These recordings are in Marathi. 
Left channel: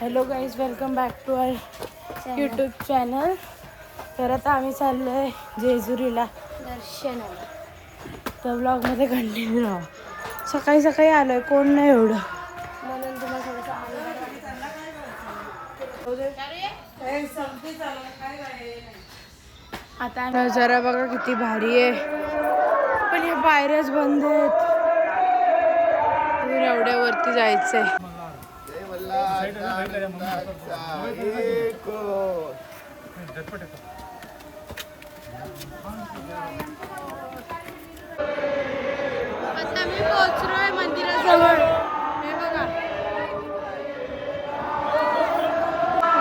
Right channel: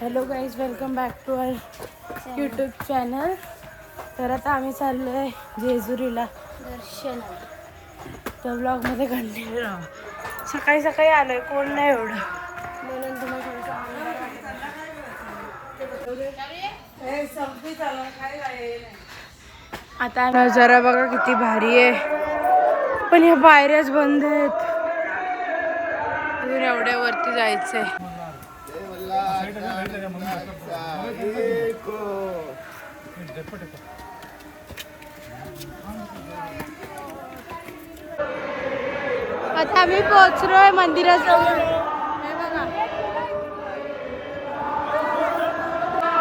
Hello guys, welcome back to our YouTube channel. तर आता आम्ही चाललो आहे जेजुरीला दर्शनाला. तर ब्लॉगमध्ये कंटिन्यू राहा. सकाळी सकाळी आलो आहे, कोण नाही एवढं म्हणून तुम्हाला आता नजारा बघा किती भारी आहे. पण ह्या पायऱ्याच बंद आहेत. एवढ्या वरती जायचंय. आता आम्ही पोहोचलोय मंदिराजवळ. हे बघा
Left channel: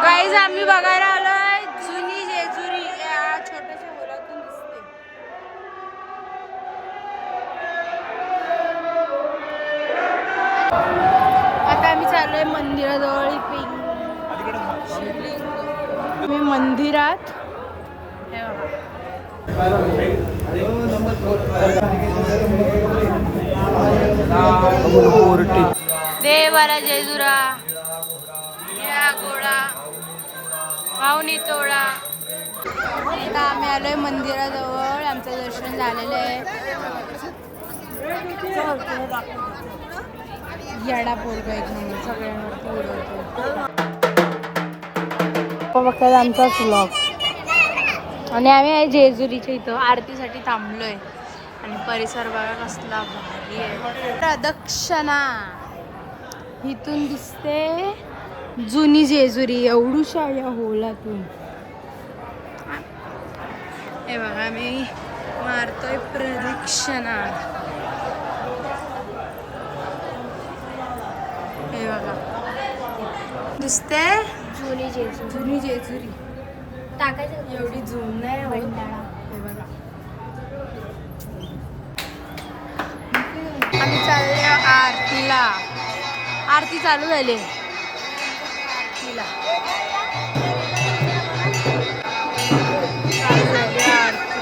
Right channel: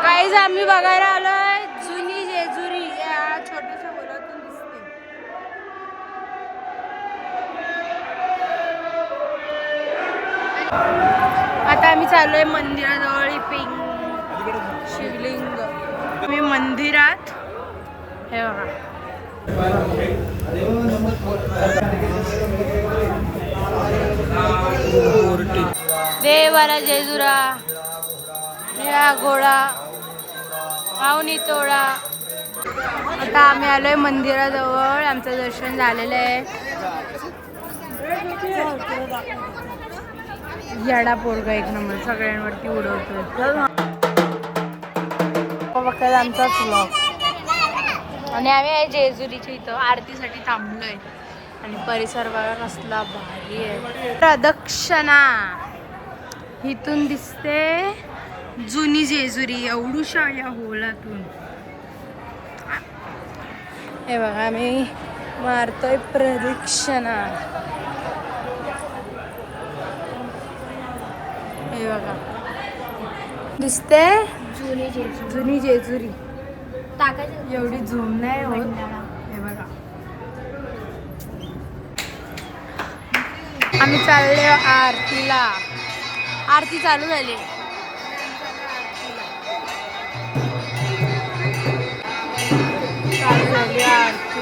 गाईज, आम्ही बघायला आलोय जुनी जेजुरी. या छोट्याशा मुलातून दिसते. आता आम्ही चाललोय मंदिराजवळ. शिवलिंग मी मंदिरात. हे बघा देवाला जेजुरा या घोडा पाहुणी तोळा. आता आम्ही आलोय मंदिराजवळ. आमचं दर्शन झालेलं आहे. याडा पोरगा एक नंबर सगळ्यांवरती उडवतो. आमचा फ्लॉग. आणि आम्ही आहे जेजुरीच्या इथं आरतीसाठी थांबलोय. आणि परिसर बघा कसला भारी आहे. प्रदक्षिणा इथून दिसते जुनी जेजुरी एवढूशा या होलातून. हे बघा आम्ही मारतोय प्रदक्षिणा. हे बघा दिसते जुनी जेजुरी. एवढी झूम नाही होत. हे बघा आम्ही चालले आरतीला. आरती चालू झाली. चालू झाली आरती.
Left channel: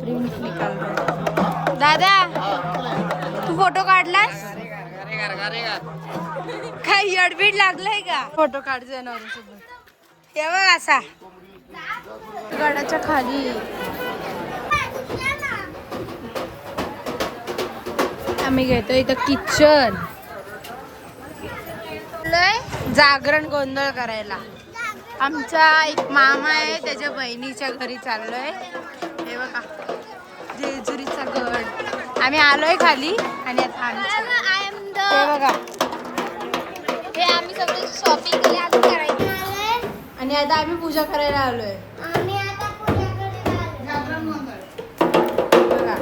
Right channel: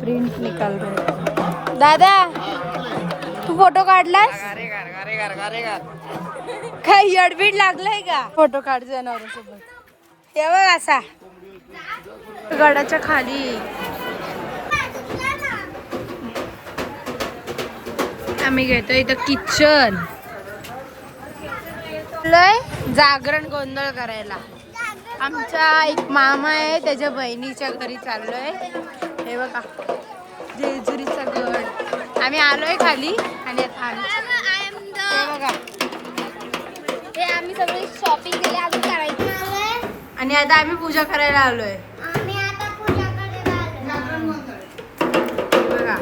प्रिंट निकाल रहे. दादा, तू फोटो काढलास? काही अडबीड लागलाय का? फोटो काढ जनावरांसोबत. हे बघ असा गडाच्या खाली. आम्ही घेतो इथं किचन. जागरण गोंधळ करायला. आमचा एक मामा आहे, त्याच्या बहिणीच्या घरी चाललोय. हे बघा जेजुरीचा गड. आम्ही आलोय खाली आणि आता आम्ही हे बघा आम्ही सगळे शॉपिंग केली आणि आता आम्ही पूजा करायला आलोय. बघा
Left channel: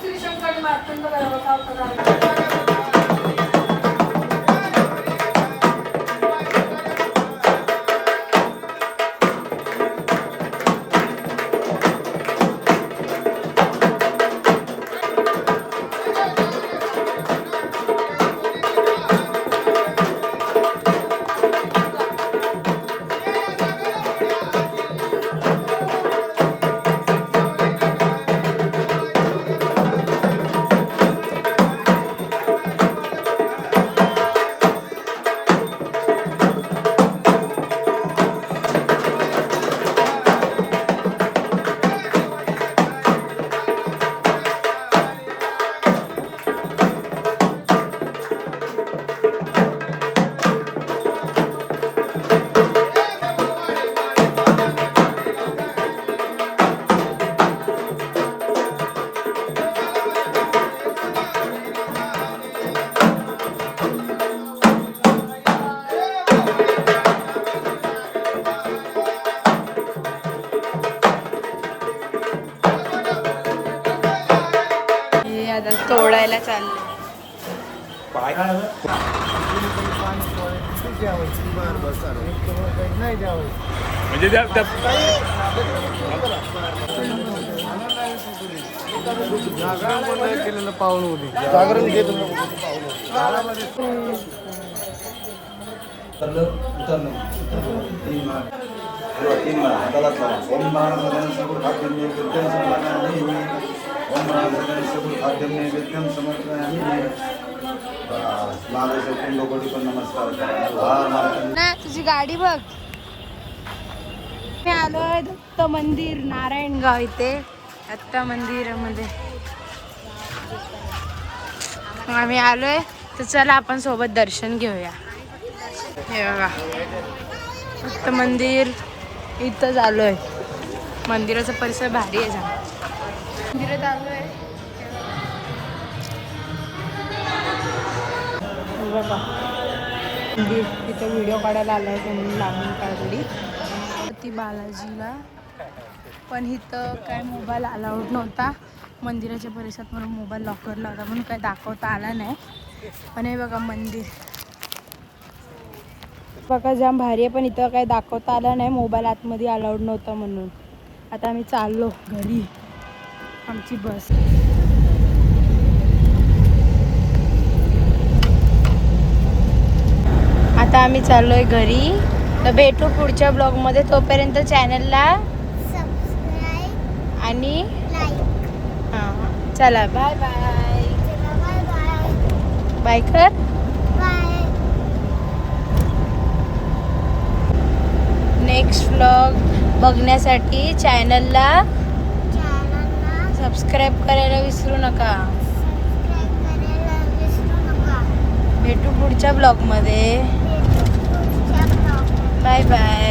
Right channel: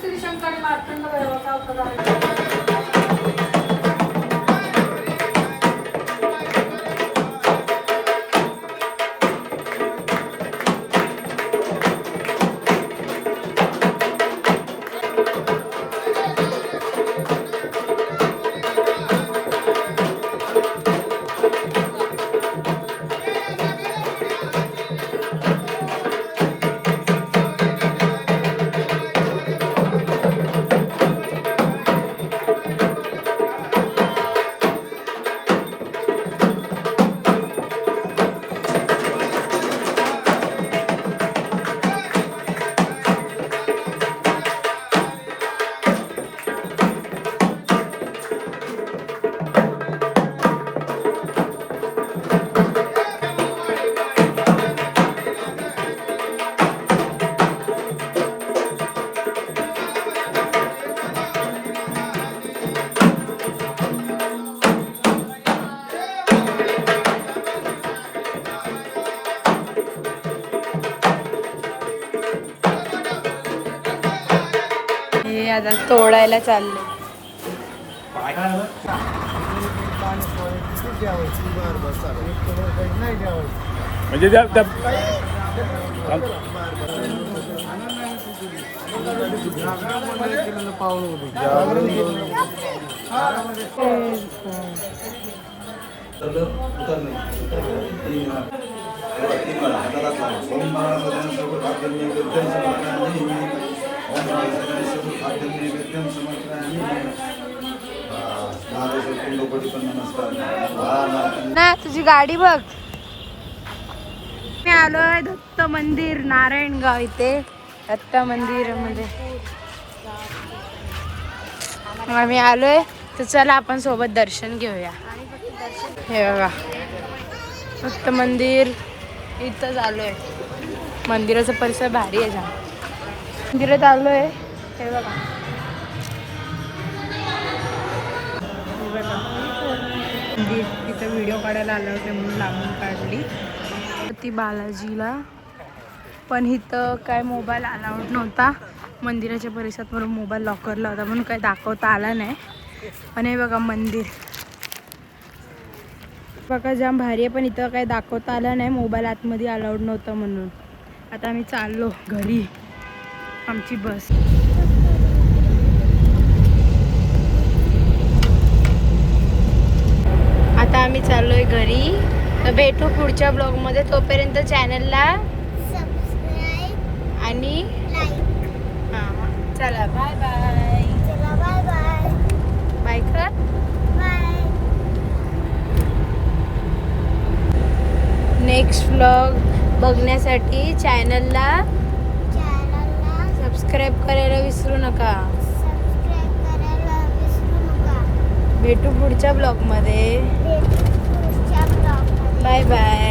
श्री शंकर आता तोडायला चाललो. म्हणजे त्या ना तुझी गाडी बघ. मी आलोय दत्त मंदिर नारायणगाव इथे. दत्त मंदिरामध्ये आम्ही आलोय, तर चला आपण सोबत दर्शन घेऊया. हे बघा दत्त मंदिर इथंच आलोय. मंदिराचा परिसर भारी आहे. मंदिरात आलोय. हे बघा तिथं व्हिडिओ काढायला आला होता म्हणून लांबून काढली ती बालाजीला. पण इथं काय मोबाईल अलाउड नव्हता मंदिराच्या परिसरात, म्हणून मोबाईल लॉकरला होता म्हणून काय दाखवता आला नाही. पण हे बघा मंदिर बघा जाम भारी आहे, पण इथं काय दाखवता आलं नाही, मोबाईल आतमध्ये अलाउड नव्हता म्हणून. आता आम्ही चाललो घरी. आमची बस आता आम्ही चाललोय घरी. तर भेटू पुढच्या ब्लॉगमध्ये. तोपर्यंत चॅनलला सबस्क्राईब आणि लाईक. हां चला bye bye. Bye bye. Bye कर. बाय. नेक्स्ट व्लॉग बघण्यासाठी चॅनलला सबस्क्राईब करायला विसरू नका. भेटू पुढच्या ब्लॉगमध्ये. Bye bye.